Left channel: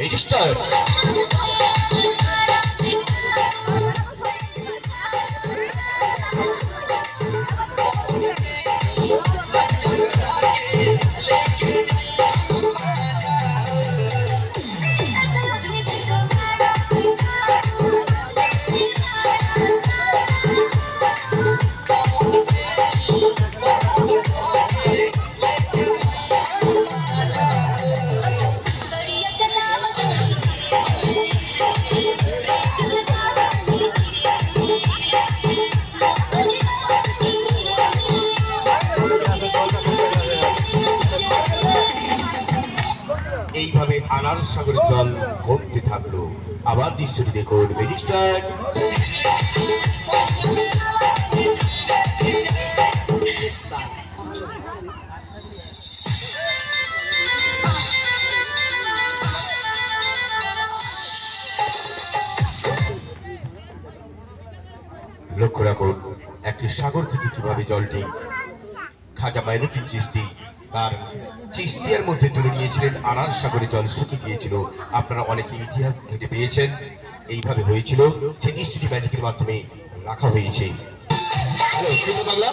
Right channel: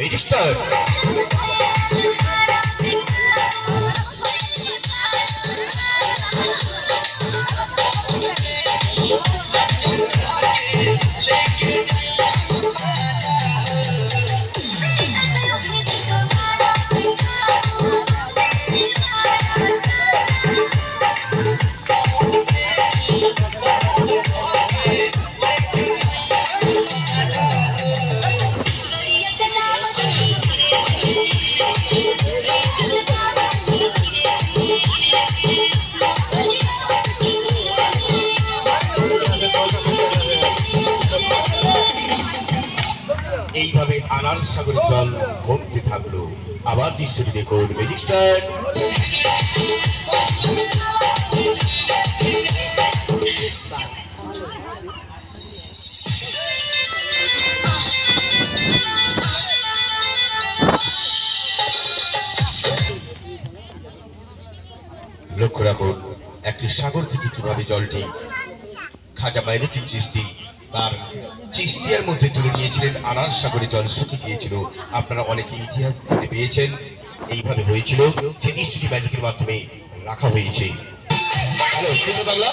Register. এইভাবে আনার সাগরের জল কমতে থাকলো। আবার দৃশ্যটি দেখুন, ম্যাজিক স্টার। লক্ষ্য রাখুন একটি সাগর থেকে কিভাবে জলটি খাজা মাইনুদ্দিন চিশতি তার চিশতিয়ার মধ্যে তুলে নিয়েছিলেন। আনার সাগরে জল শুকিয়ে গিয়েছিল, আপনারা অনেকে ইতিহাস থেকে পেয়েছেন। এইভাবে হয়েছিল, সেই দৃশ্যটি ম্যাজিকের মাধ্যমে রাখা হয়েছে। হ্যালো, শুনতে বাংলা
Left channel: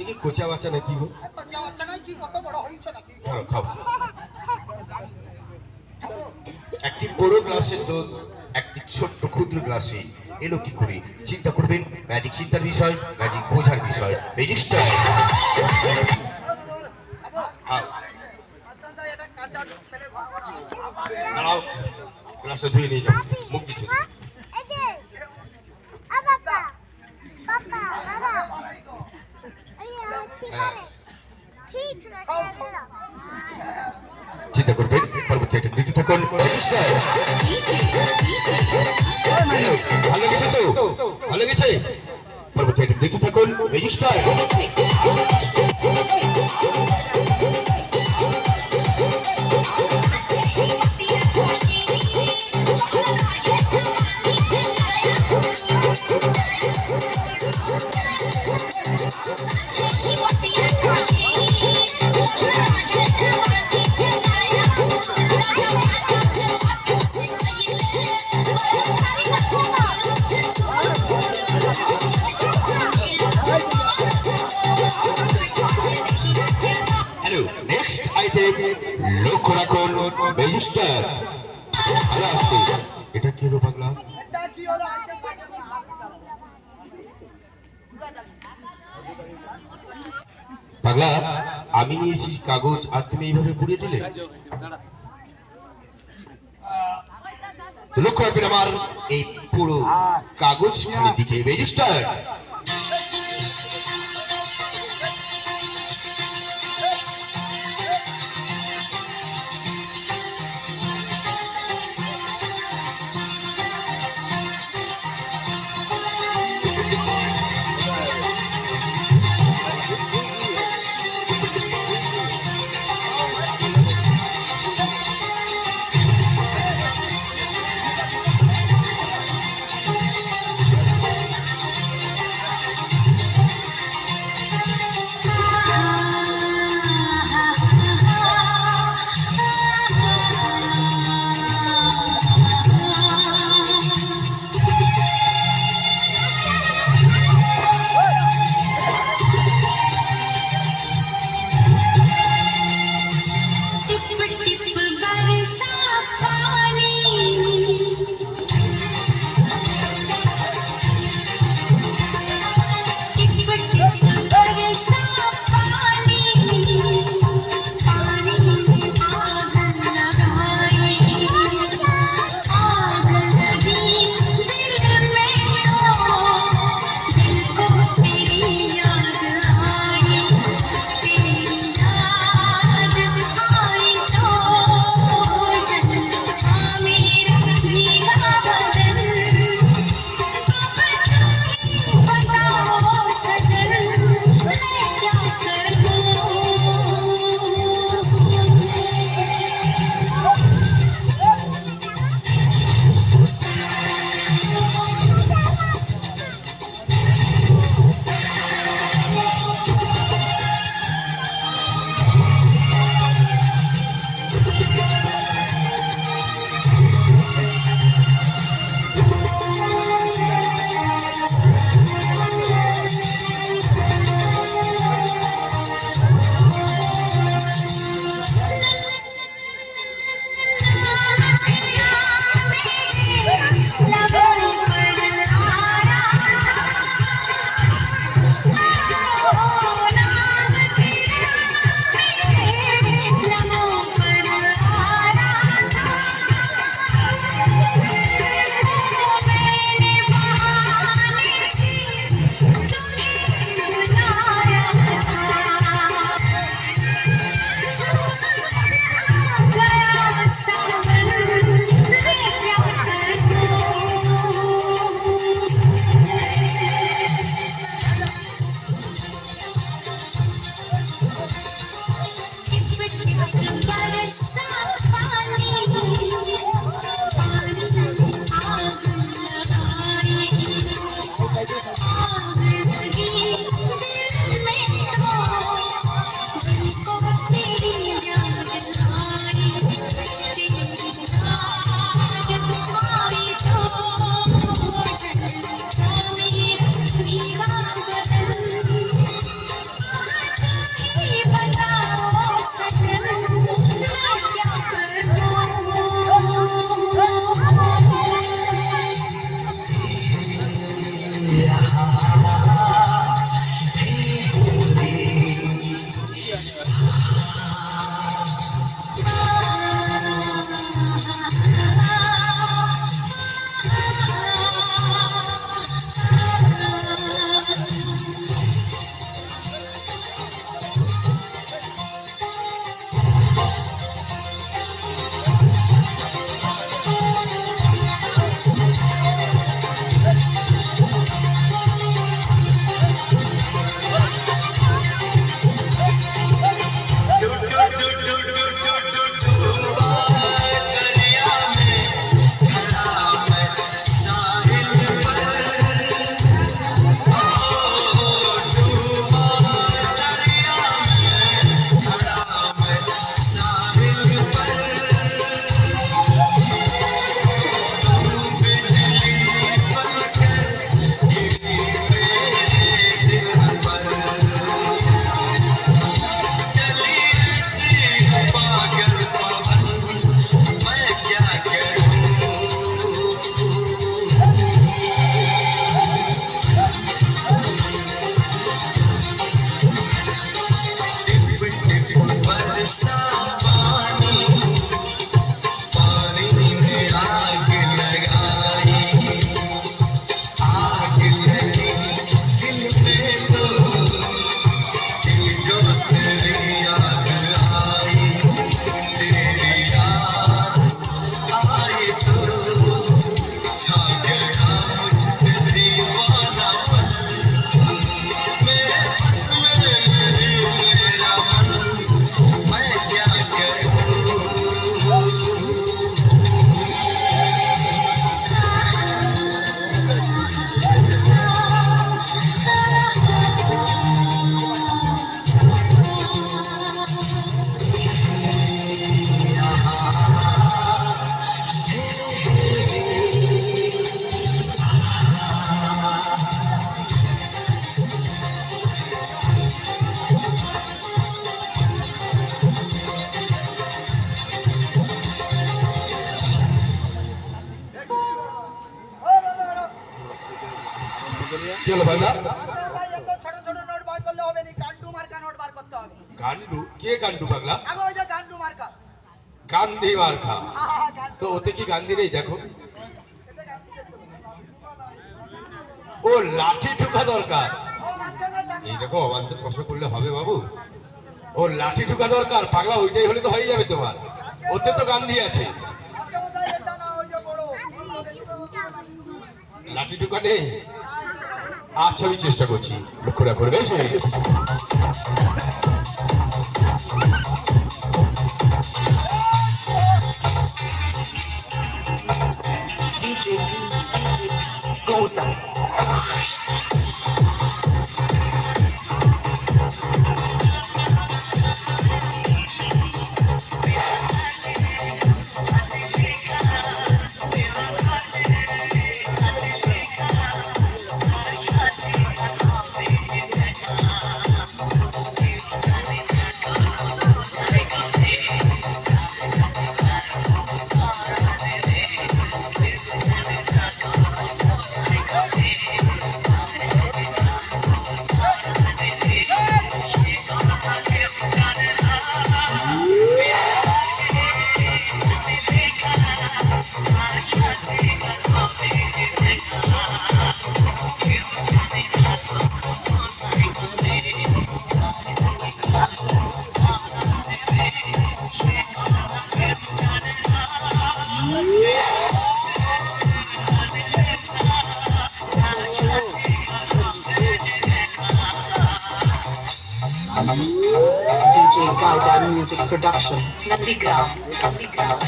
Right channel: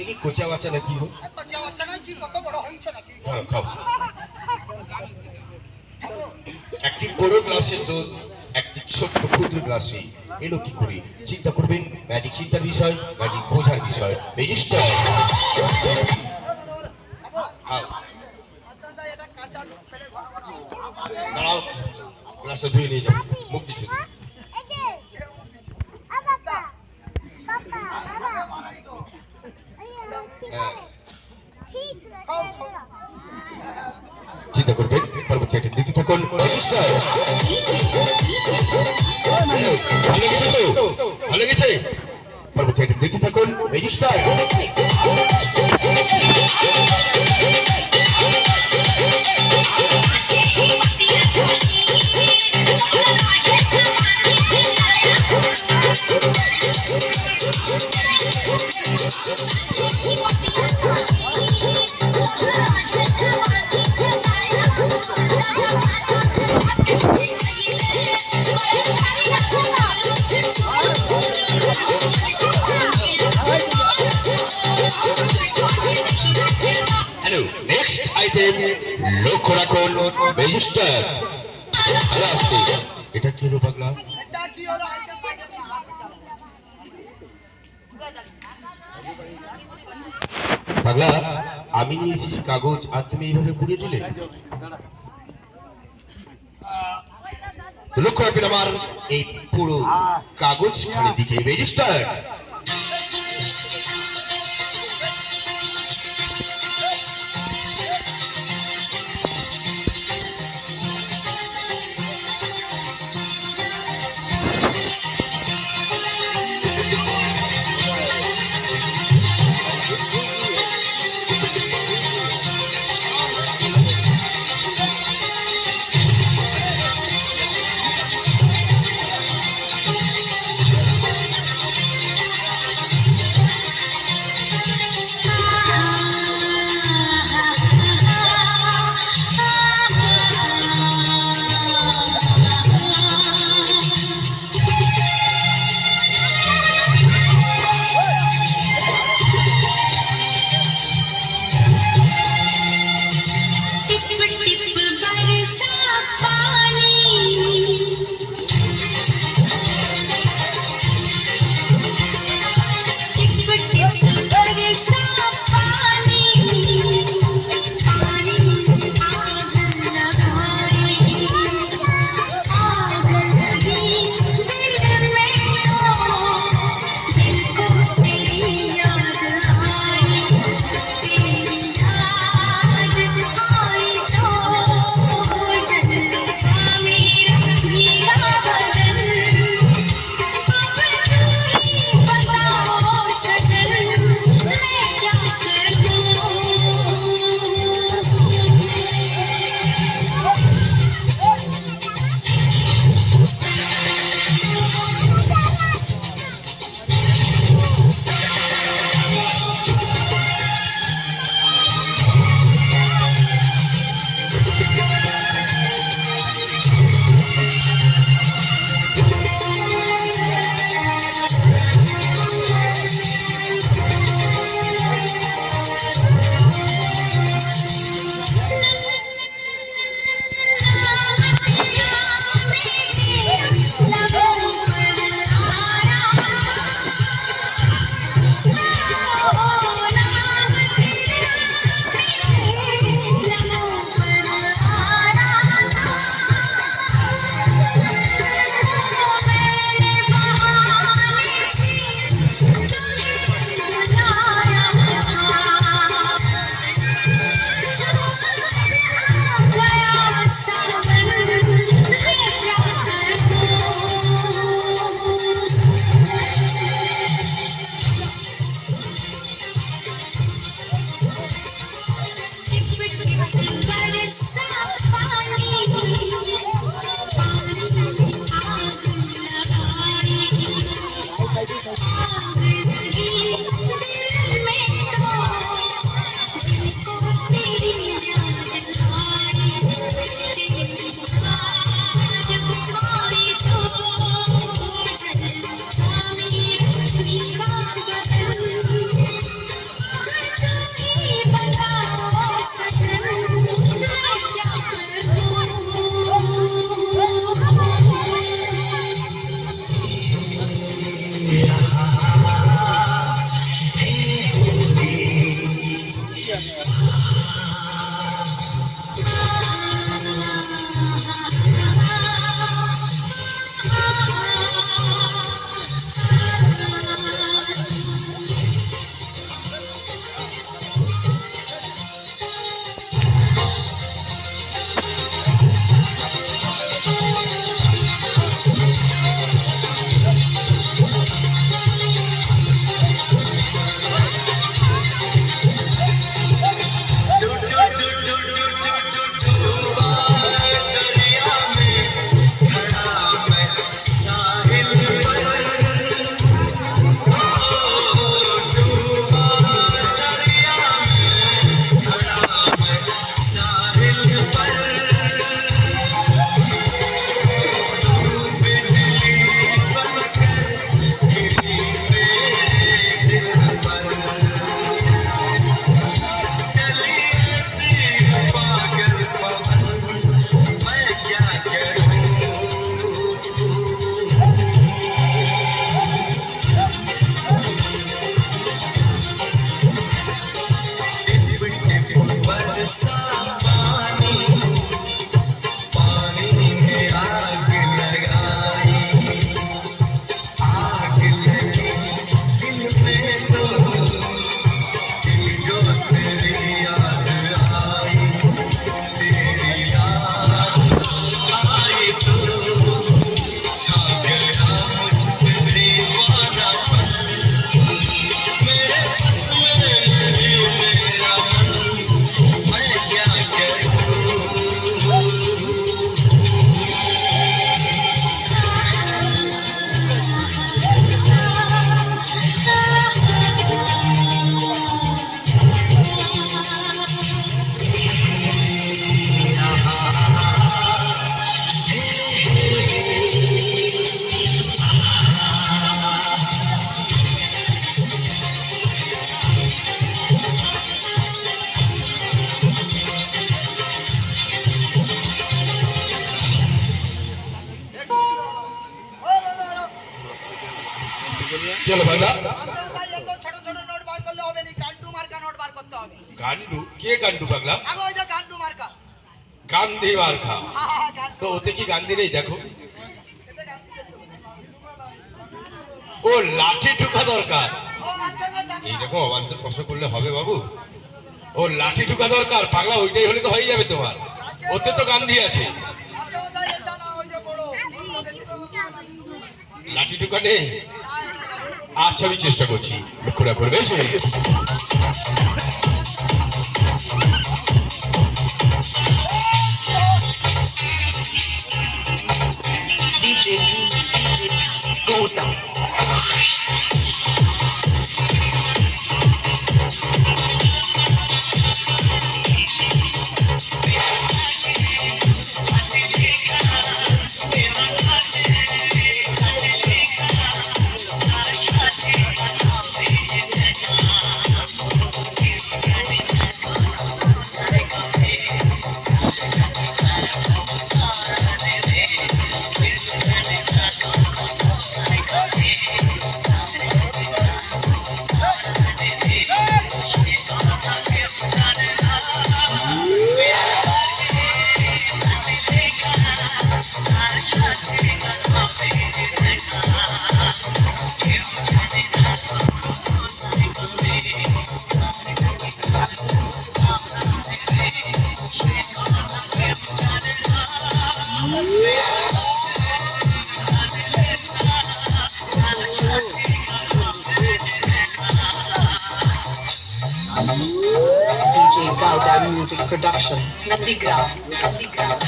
এই কি কোচা বাচ্চা নাকি গো? খাও। একটি বড় গ্লাসের দুধ একটি ছোট্ট ক্ষুদ্র গ্লাসে এলো কি করে? চিন্তা করবেন, ম্যাজিক চিন্তার বিষয়, ম্যাজিক বোঝার বিষয়। রেজিস্টার। দাঁড়াও, গ্লাসটা ধুয়ে নিয়ে যাও, মুখ দিচ্ছ। চিন্তা করবেন, পরবর্তী আইটেম দেখতে থাকুন। ভালো গেছে তো? ভালো গেছে? পরবর্তী আইটেম দেখতে থাকুন। রেজিস্টার। লক্ষ্য রাখুন, রেজিস্টার। ভালো আসছে। এটা কি হলো পাগলা? পাগলা, আমি নিয়েছি কাগজ আর তুমি এইভাবে পুড়িয়ে দিলে। লক্ষ্য রাখবেন আমার এই পুরো কাগজ খালি দিকে। রেজিস্টার। কি হলো পাগলা? ভাই এত ছোট ছোট নোট বার করলে হবে না, গান্ডু মার্কা নোট বার করতে হবে। গান্ডু? কে গান্ডু পাগলা? আগে ওই যে গান্ডু মার্কা। গান্ধী মার্কা? হ্যাঁ গান্ডু। তো ওতে কি গান্ধী নেই? দেখো এতে গান্ধী দেখতে হবে। ও লাঠি ঠুকা দরকার। ও আচ্ছা গো টাকা। এইরকম অবান্তর প্রশ্ন করলে হবে বাবু? ও লাঠি ঠুকা দরকার পাগলা, ওইটাই হলে তো হয়ে যাবে তোমার। ওতে তো গান্ধী আছে। আচ্ছা ভাই এটা না ওই যে বড়। লাঠি ঠুকা নেই? আচ্ছা আমি চেষ্টা করছি, লক্ষ্য রাখো। করবে DJ Gautam. DJ Gautam Music Production. Nandigram. Nandigram.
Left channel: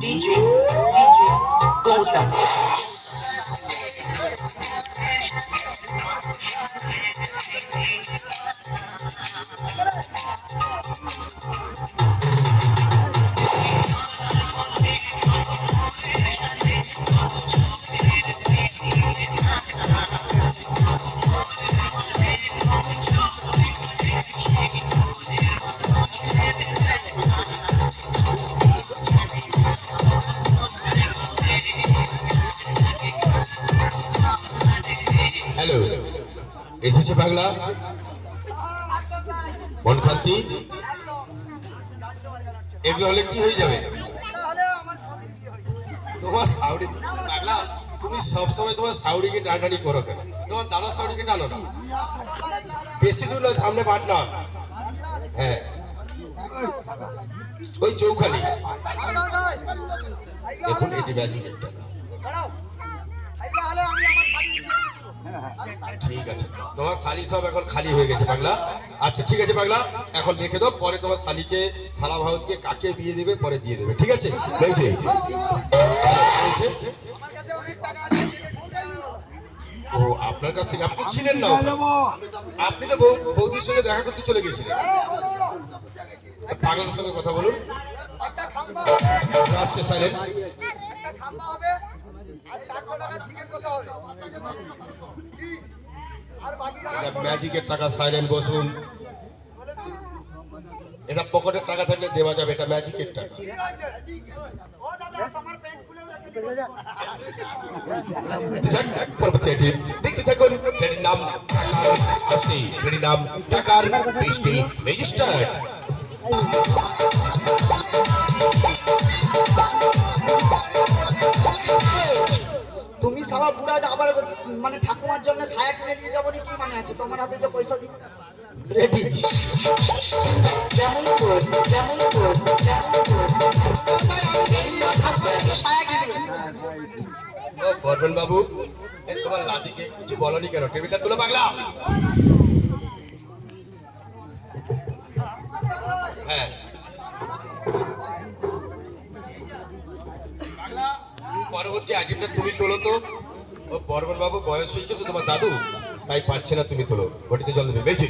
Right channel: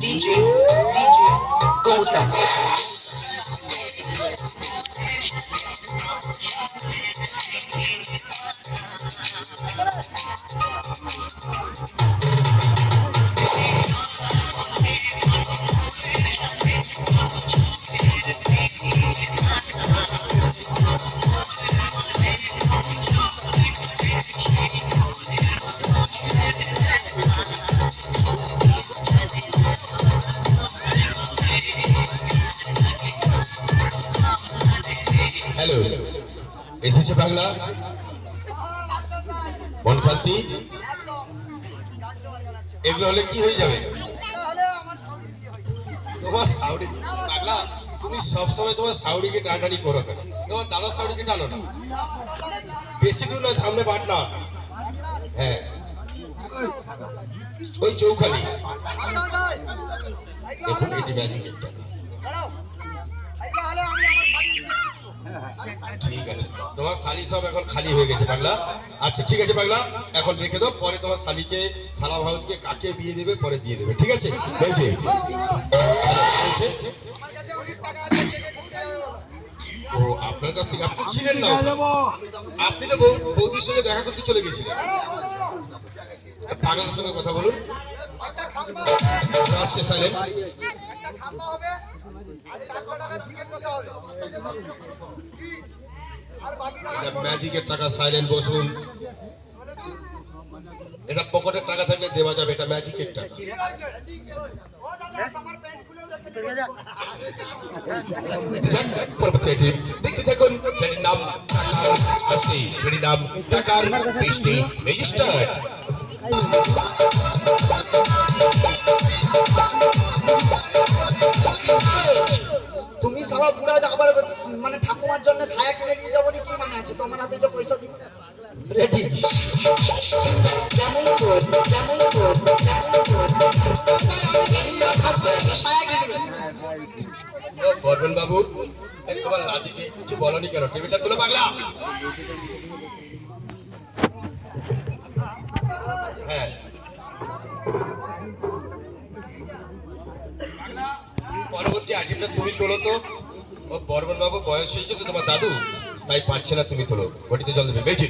DJ Gautam. Hello, এসেছে পাগলা? মন শান্তি? একদম গান্ডু মার্কা লাগছে। এগুলো হলে কি হয়ে যাবে? এটা হলে আমার সাউরি বিয়ে হয়। তোমার সাউরি? পাগলা তুমি সবসময় তোমার সাউরিকে টানাটানি করো কেন? তোমার দাদা সাউরিকে টানো না। বেশি দূর নয়, সামনে পাটনা। হ্যাঁ ওই চৌখালি। দেখুন এটি ম্যাজিকের টাকা। ঠিক আছে, তোমার শালি সব এখন খালি হয়ে গেছে পাগলা। আচ্ছা ঠিক আছে পাগলা, এখন রেখে দাও, পরে তোমার শালিকে সালা ভাউজকে কাকে বিয়ে দেবে পরে দিয়ে দেবে, ঠিক আছে? বলছে ও আপনার কাছ থেকে আপনি ছিলেন না, আপনি তো বৌদির সঙ্গে দেখা করতে চলে গেছিলেন। পাগলের সঙ্গে কথা বলুন। আসছে সাইলেন্ট। ম্যাজিকের টাকা, সাইলেন্ট বসুন। এটা পকেটের টাকা থাকলে দেওয়া যাবে, এটা ম্যাজিকের টাকা। দেখতে থাকুন, ট্রেনের নাম আসছে, ট্রেনের নাম টাকার বৃষ্টি ম্যাজিস্ট্রেট। তুমি সারা পুরা আবার মানে ঠাকুমার জন্য ছায়া কিনে নিয়ে যাবো কি মানে আছে? তোমার হাতে যে পয়সা দিবে রেডি। বর্মন বাবু, তোমার লাঠিকে কিছু বলনি কেন? টেবিলটা তুলে পাগলা। হ্যাঁ পরবর্তী আইটেমটা তুমি তোলো তো। ও বর্মন বাবু বয়স হয়েছে তো তোমার দাদু, তাই পাচ্ছে না, তুমি তোলো। বটিতে জল দেবে, বেঁচে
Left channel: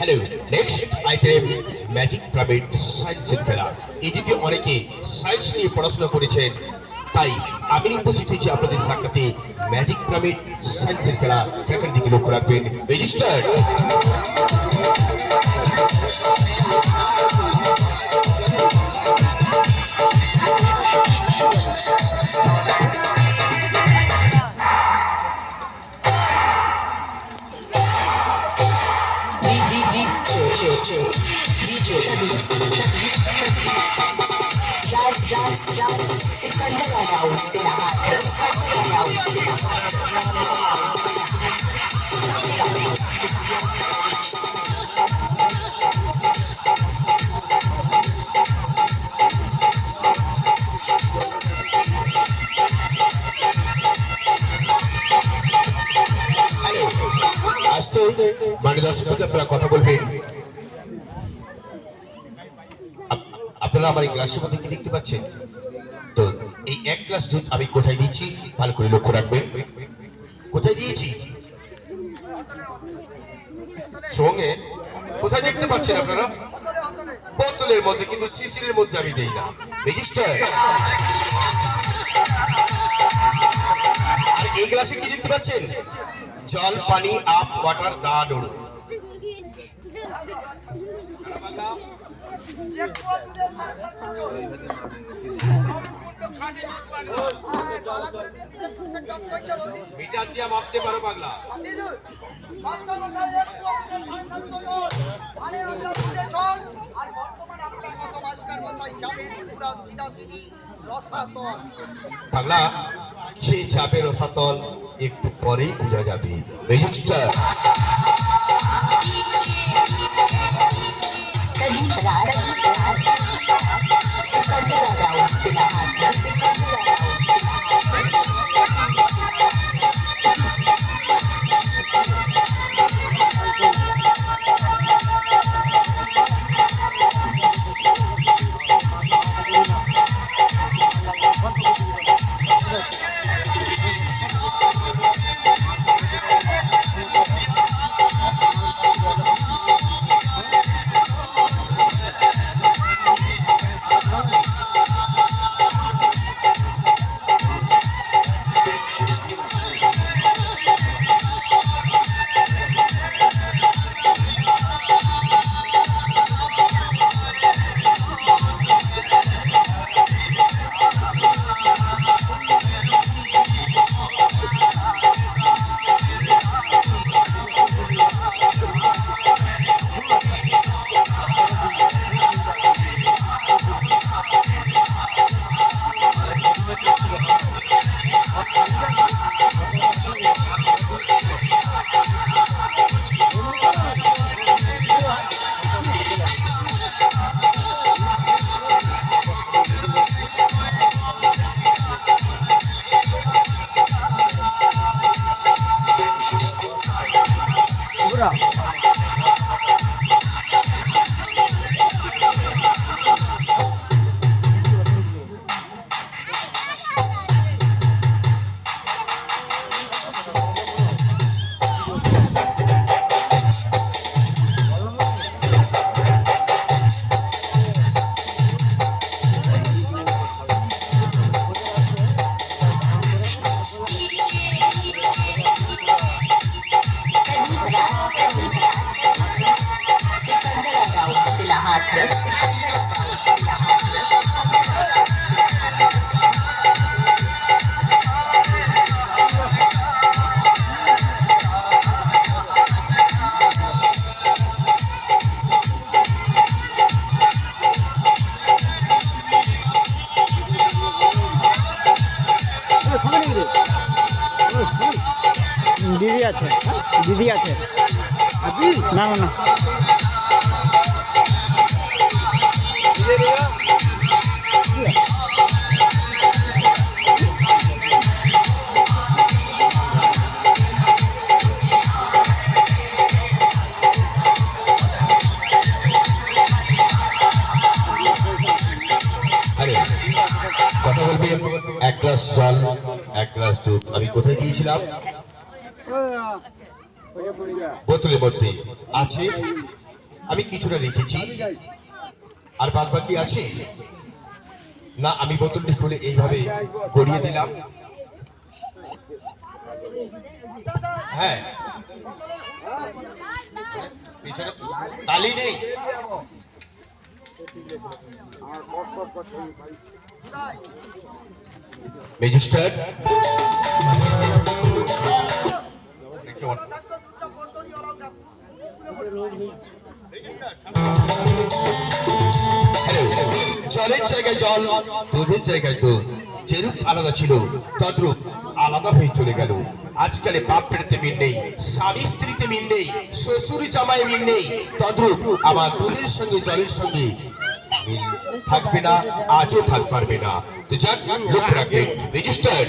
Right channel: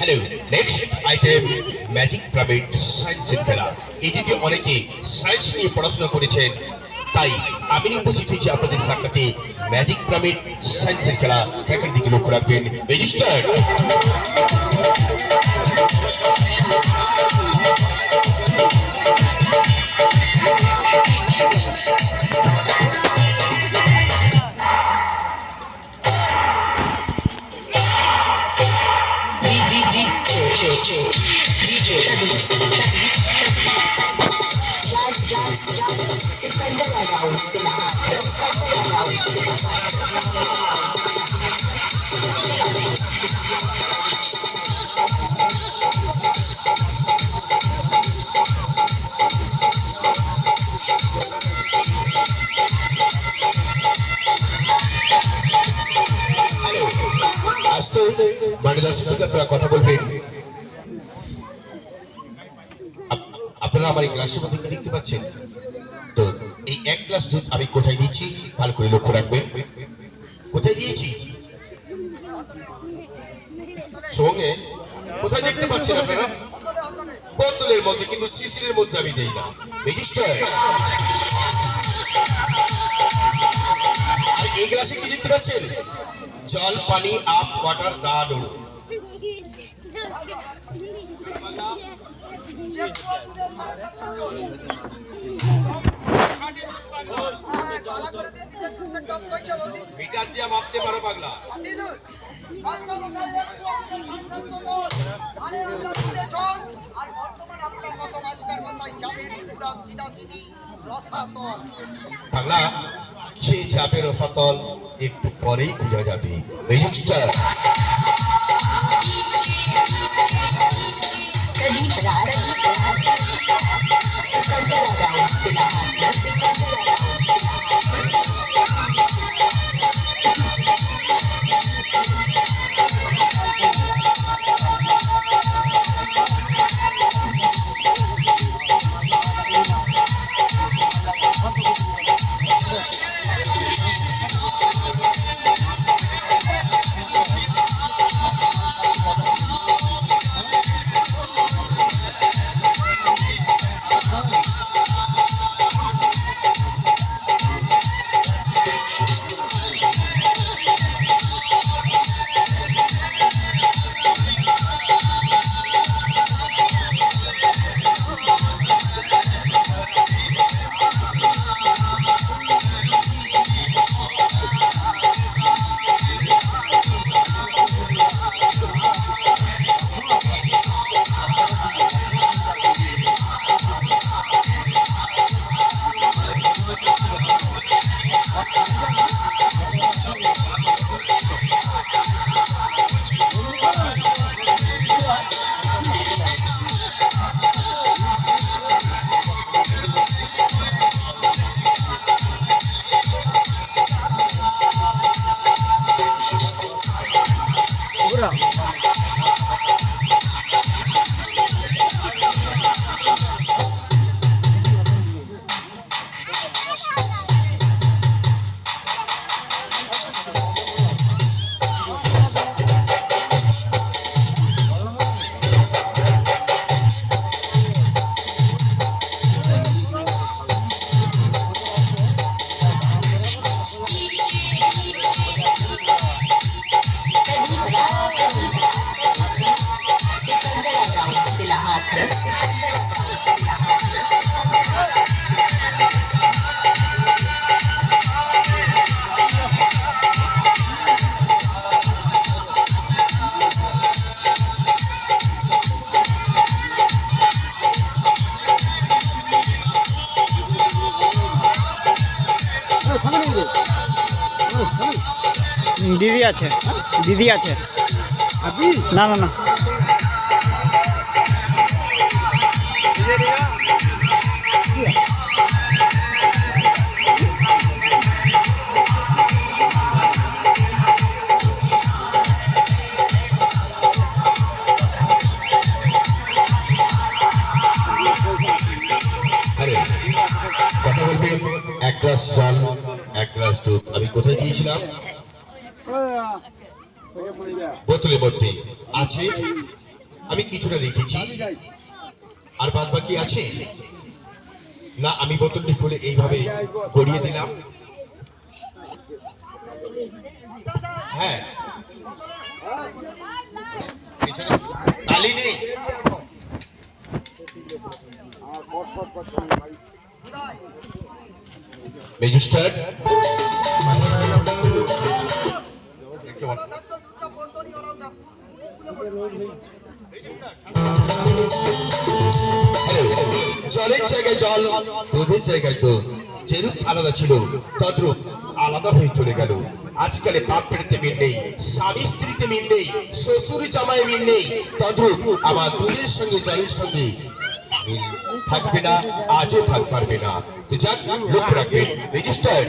hello, next item magic pyramid সায়েন্সের খেলা। এই দিকে অনেকে সায়েন্স নিয়ে পড়াশোনা করেছেন, তাই আমি উপস্থিত হয়েছি আপনাদের সাক্ষাতে ম্যাজিক পিরামিড সায়েন্সের খেলা। খেলার দিকে লক্ষ্য রাখবেন। Magic start. আসতে মাননীয় দর্শক, আপনারা কথা বলবেন। আপনারা আমার এই গ্লাসের মধ্যে কি দেখতে পাচ্ছেন? তো এই এক গ্লাস দুধ আমি কোথায় দিচ্ছি ভালো করে লক্ষ্য রাখবেন। কোথায় দিয়েছি? সঙ্গে কোথায় দেখতে পাচ্ছেন আপনারা? বোতলের মধ্যে, কিন্তু শিশিরের মধ্যে আমি দেই না। রেজিস্টার। আর এই গ্লাসে কি দেখতে পাচ্ছেন? জল, পানি, আপ, ওয়াটার, দাঁড়। মিটার দিয়ে মাপতে পারো পাগলা? পাগলা, সে যাবে রসাতল, একটু পরেই বোঝা যাবে। রেজিস্টার। দিদি আছে, দিদি আছে। না না না, আরে কথা বলবেন, এক গ্লাস জল, এক গ্লাস দুধ। আমি কোথায় দিয়েছিলাম? বোতলের মধ্যে আছে, আমি কিছুটা রেখেছি, আর বাদ বাকি আছে না। আমি বোতলটি খুলে এইভাবে গড়িয়ে দিলাম। হ্যাঁ, পিছনে তালি নেই। ম্যাজিস্ট্রেট জলের জায়গায় জল, দুধের জায়গায় দুধ। যেরূপ আলাদা ছিল তদ্রূপ আলাদা হয়ে চলে গেল। আজকালে বাপ বেড়েতে মিল নেই, স্বামী স্ত্রীতে মিল নেই, শ্বশুর জামাই মিল নেই, তদ্রূপ আমার দুধের সঙ্গে জলের সঙ্গে মিল থাকবে না, আজও থাক পারবে না। তো যাক, লক্ষ্য রাখবেন রেজিস্টার।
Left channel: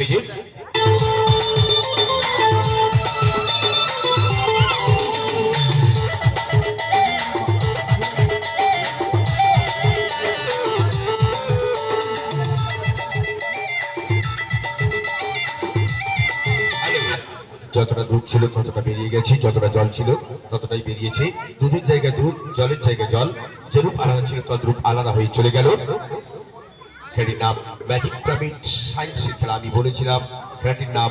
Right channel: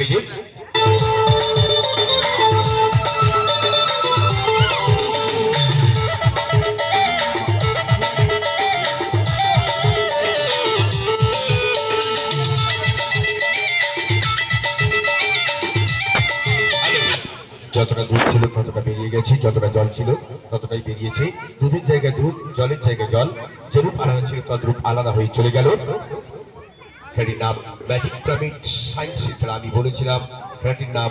বিজিত যতটা দুধ ছিল ততটা বেরিয়ে গেছে, যতটা জল ছিল ততটাই বেরিয়েছে। দুধের জায়গায় দুধ, জলের জায়গায় জল। যেরূপ আলাদা ছিল তদ্রূপ আলাদা হয়ে চলে গেল। খেলাটির নাম ম্যাজিক পিরামিড সায়েন্সের খেলা। আমি বলেছিলাম খেলাটির নাম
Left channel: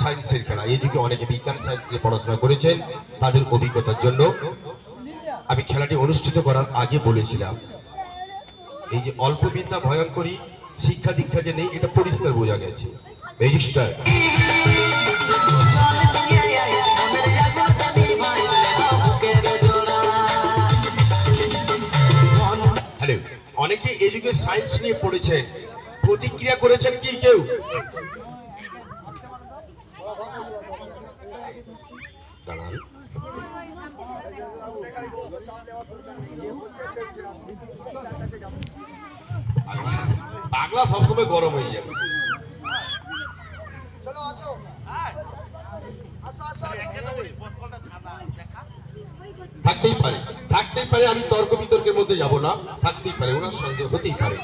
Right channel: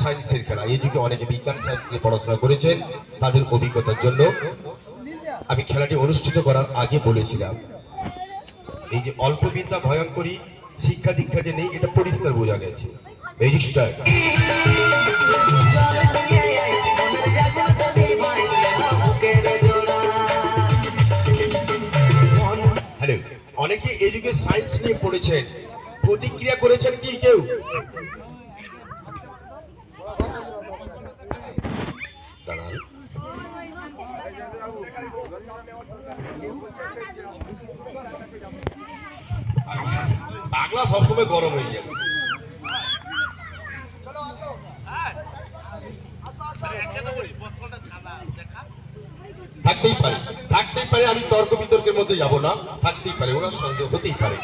সায়েন্সের খেলা। এই যুগে অনেকে বিজ্ঞান সায়েন্স নিয়ে পড়াশোনা করেছেন, তাদের অভিজ্ঞতার জন্য আমি খেলাটি অনুষ্ঠিত করার আগে বলেছিলাম, এই যে অল্প বিদ্যা ভয়ঙ্করী, শিক্ষা দীক্ষা যে নেই, এটা পরিষ্কার বোঝা গেছে। রেজিস্টার হ্যালো, অনেকে এই যুগে সায়েন্স নিয়ে পড়েছেন, প্রতিক্রিয়া করেছেন কি কেউ? দাঁড়ান, পাগলা সবসময় গরম হয়ে যাবে। থাকতেই পারে, থাকতেই পারে, আমি তর্ক বিতর্কের মধ্যে যাব না। থাকতেই পারে, ওনার সন্দেহ হতেই পারে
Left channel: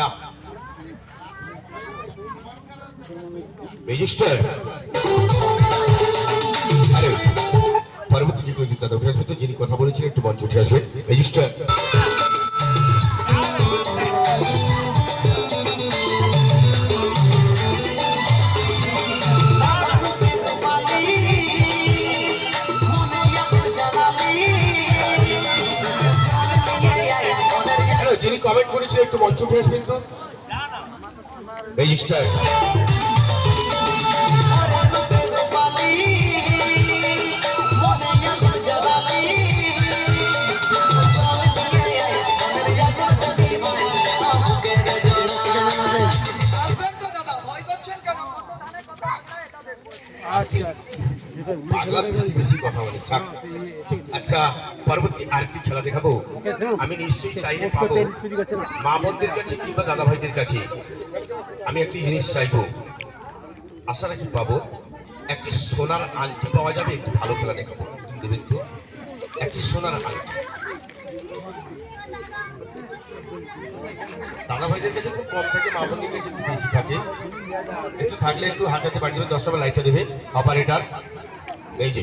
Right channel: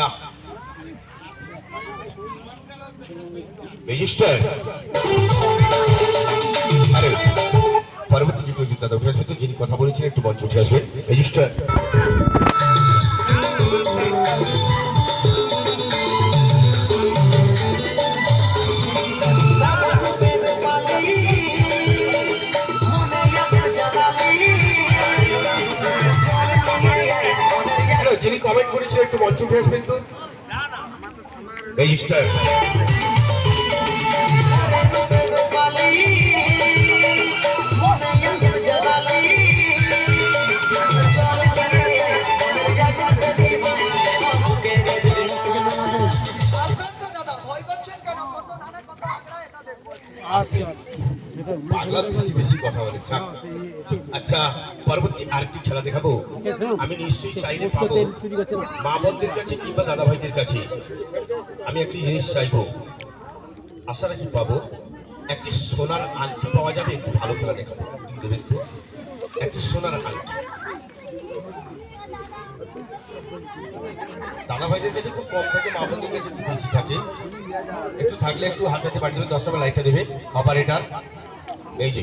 না। রেজিস্টার আরে পরবর্তী যুগে দাদা উঠে আসবে, তো যিনি কথা বলেছিলেন একটু মঞ্চ উঠে আসবেন। রেজিস্টার যিনি কমেন্ট করেছিলেন একটু মঞ্চ উঠে আসবেন তো। রেজিস্টার পাগলা বেশি বেশি কথা বলে। আচ্ছা, পরবর্তী আরেকটি খেলা দেখাবো। আমি নিশ্চয়ই চাইলে পাবো মা বোনদের কাছে কিংবা দাদা ভাইদের কাছে। আমি একটি জিনিস চাইবো, আশা রাখি পাবো। একটি সোনার আংটি পাওয়া যাবে, একটু ভালো খেলা দেখাবো, দেবেন তো? একটি সোনার আংটি দাদা ভাইদের কাছে খুব কম থাকে, মা বোনদের কাছে একটু বেশি থাকে। একটু থাকলে একটু হাত হাতে বাড়ি দেবেন। 10 টাকা লাইটটা দেবে অপারেটর। এই যে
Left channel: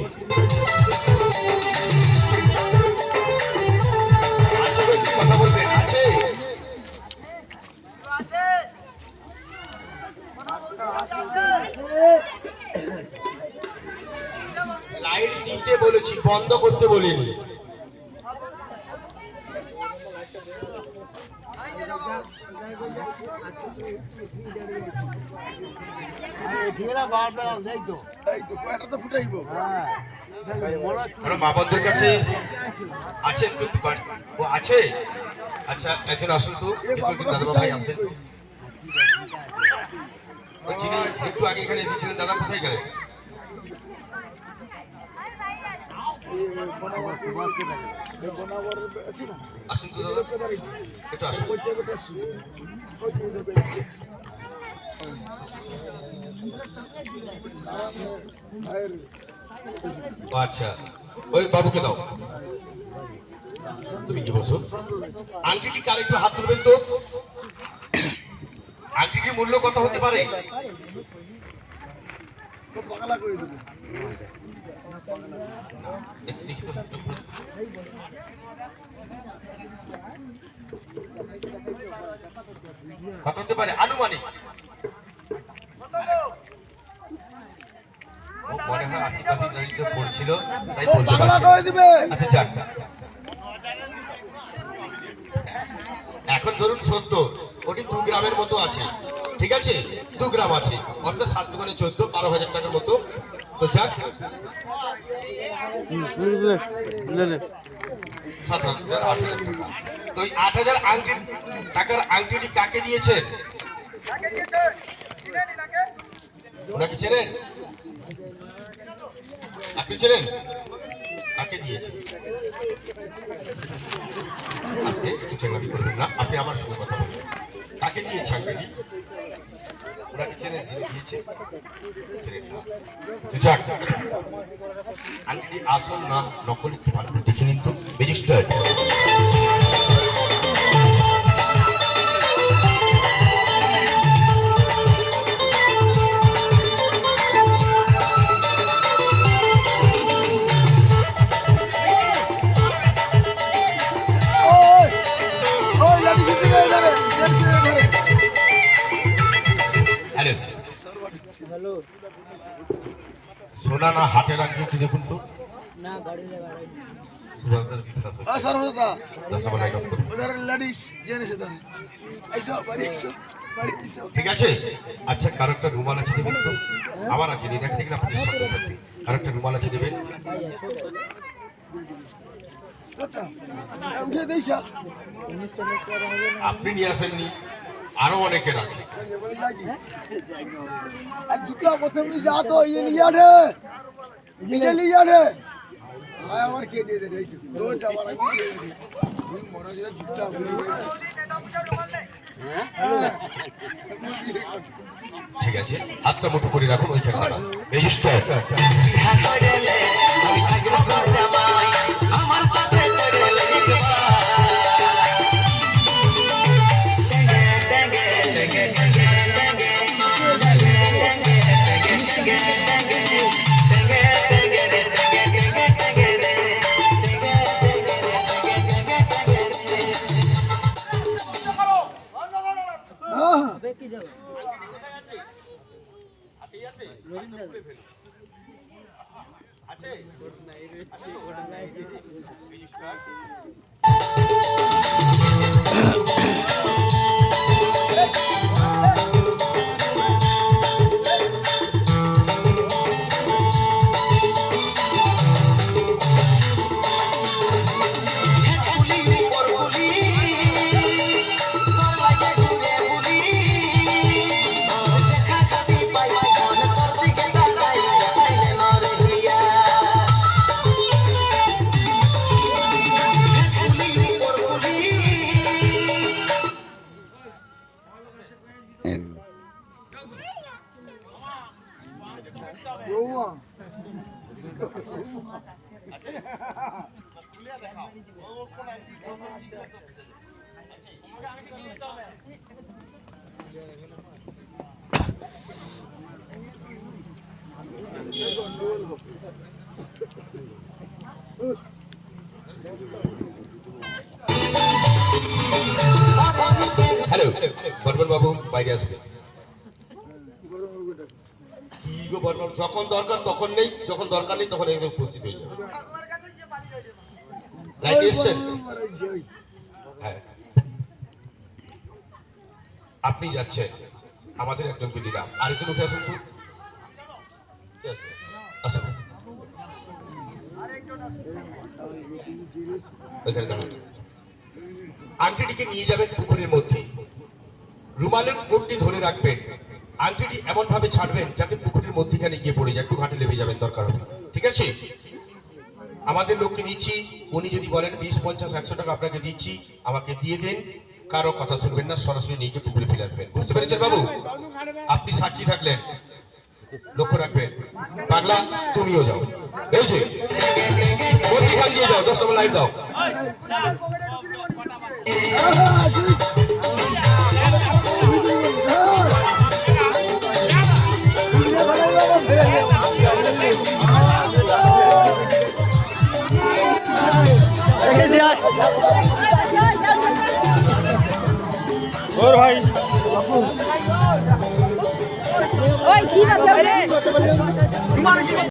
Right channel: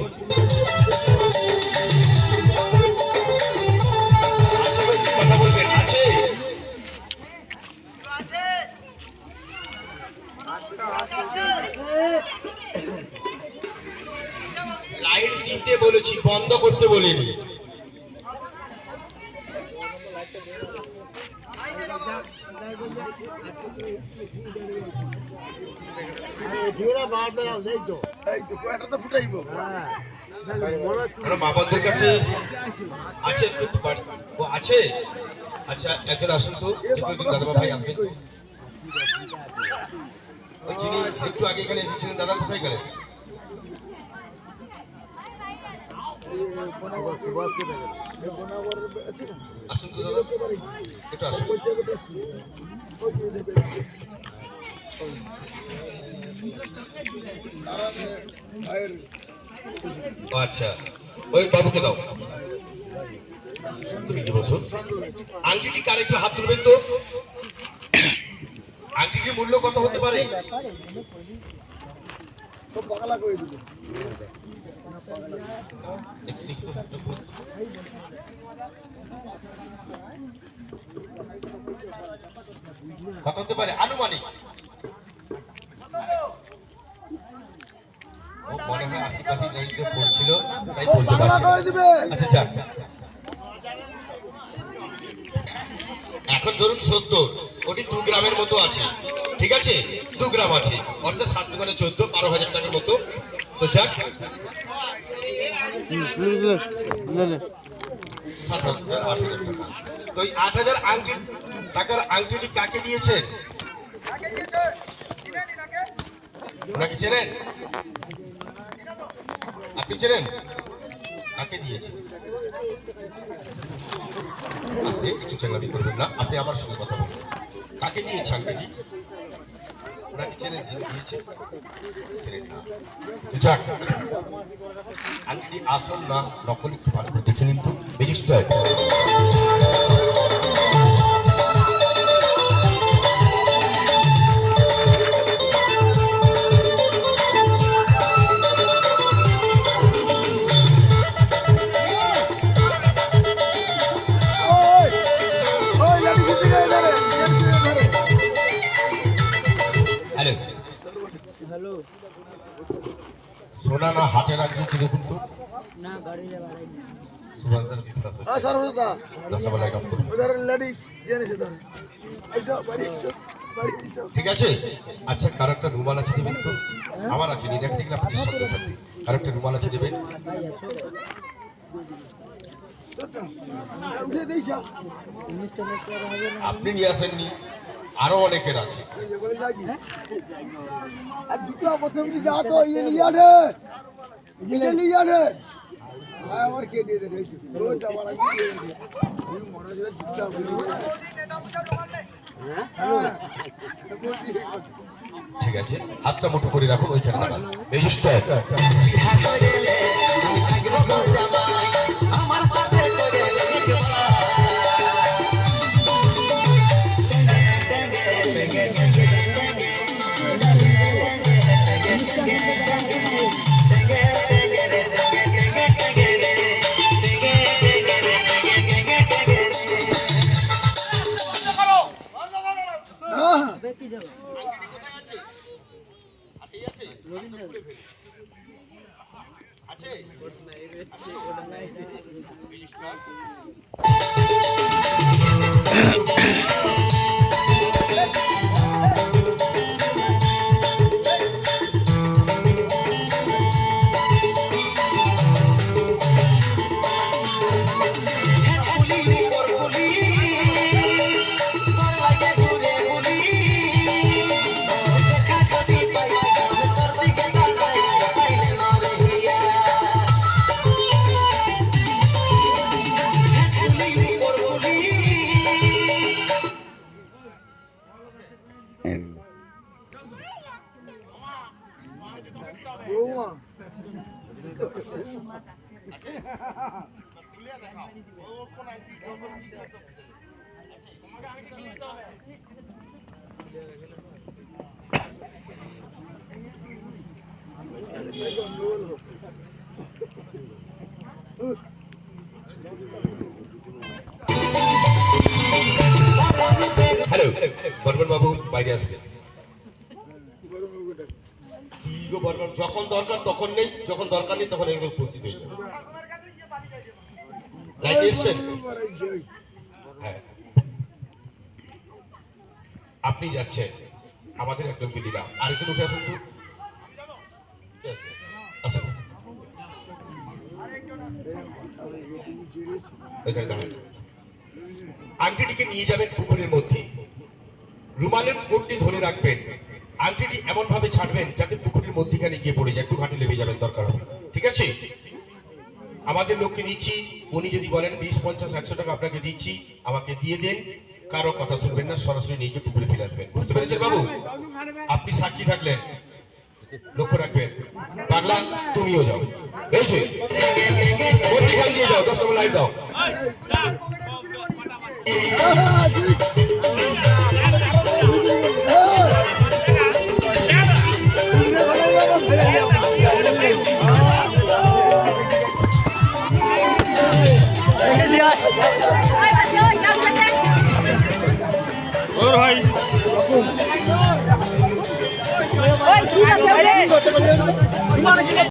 আমরা মা বোনদের কাছে আছে একটু বাড়ি ও আছে। আচ্ছা একজন আসুন তো, যে কোনো দাদা ভাই আসবেন তো। ওই যিনি একটু আগে এখানে এসেছিলেন দাদা কোথায় গেলেন? আসুন তো দাদা, একটু আসুন। ও আচ্ছা, ওই বাবুকে দাও। তুমি কি বলছো? আংটিটি কার, একটু হাত তুলবেন তো। আংটিটির মূল্য কত হতে পারে? একটু দেখি তো, একটু বলুন তো। কত হতে পারে আনুমানিক? ও মনে হয় আশেপাশে নদীতে পড়ছিল তাই বলতে পারছি না। আচ্ছা যাক, এখন ধরুন 70, ওটি 2 গ্রামের মতো আছে। ঠিক আছে, 2 গ্রাম আছে, অর্থাৎ 7 দুগুণে 14, 12,000 টাকার মতো। তো যাক 7,000, 8,000 টাকা। তো এই 8,000 টাকার আংটিটি কাকে দিয়েছেন? ওনাকে চেনেন? আপনি চেনেন কাকে দিয়েছে? আজকে একটু চেঙ্গাবি করবেন না, আপনি আমার সঙ্গে কথা বলবেন। কাকে দিয়েছে আংটিটি? ওনাকে চেনেন যিনি দিয়েছে? চেনেন না। তো যাক, আংটিটি আসল না নকল একটু ভালো করে দেখে নিন তো রেজিস্টার। হ্যালো, সোনা না হাটের আংটি দেখুন তো। সুভাষদার বিশ্বাস হচ্ছে। দশটা লাইন অফ করুন। ঠিক আছে, আচ্ছা কারো একটা রুমাল আছে দেবেন তো। আমার আছে, নিয়ে দেখতে গেলে আপনাদের সন্দেহ থাকবে। কারো একটা রুমাল আছে দেবেন। আপনি নিয়ে আসেননি, আরো অনেকের আছে। ঠিক আছে, হাতটা মুঠো করে রাখুন, ওইখানে দাঁড়ান। রেজিস্টার। আমার সাথে হ্যালো, বর্মন বাবু বাইরে আসবে। কি গো বর্মন, যখন দরকার তখন নেই, যখন দরকার নেই তখন এখানে উপস্থিত হয়ে যাবে। লাইনে এসছেন? হ্যাঁ, আপনি যাচ্ছেন, আমাদের একজনকে দিলাম, আরেকজন উঠে আসুন তো। আসুন ওইখানে দাঁড়ান। আংটিটিকে নিয়ে যাবেন পুকুরের মধ্যে, রুমালের কোটটি ধরে রাখবেন, আংটিটি এমন ভাবে ছাড়বেন যাতে পুকুরের মধ্যখানে গিয়ে পড়ে যায়, একটু ঘাটে লেগে যাবেন দরকার হবে, ঠিক আছে? আমাদের লোককে দিচ্ছি, উনি যদি বলেন 20, 50, 100 টাকা আপনাকে দিচ্ছি, আমাকে দিয়ে দেন, কারো কথা শুনবেন না, সরাসরি নিয়ে গিয়ে পুকুরে ফেলে দেবেন। বুঝতে পেরেছেন বাবু? আপনি সাক্ষী থাকলেন, লক্ষ্য রাখবেন। পাগলা তুমিও যাও, এই যে মধ্যখান দিয়ে যাও, 10 নম্বর লাইভ দাও। ওর ভাই ওই ঠিক আছে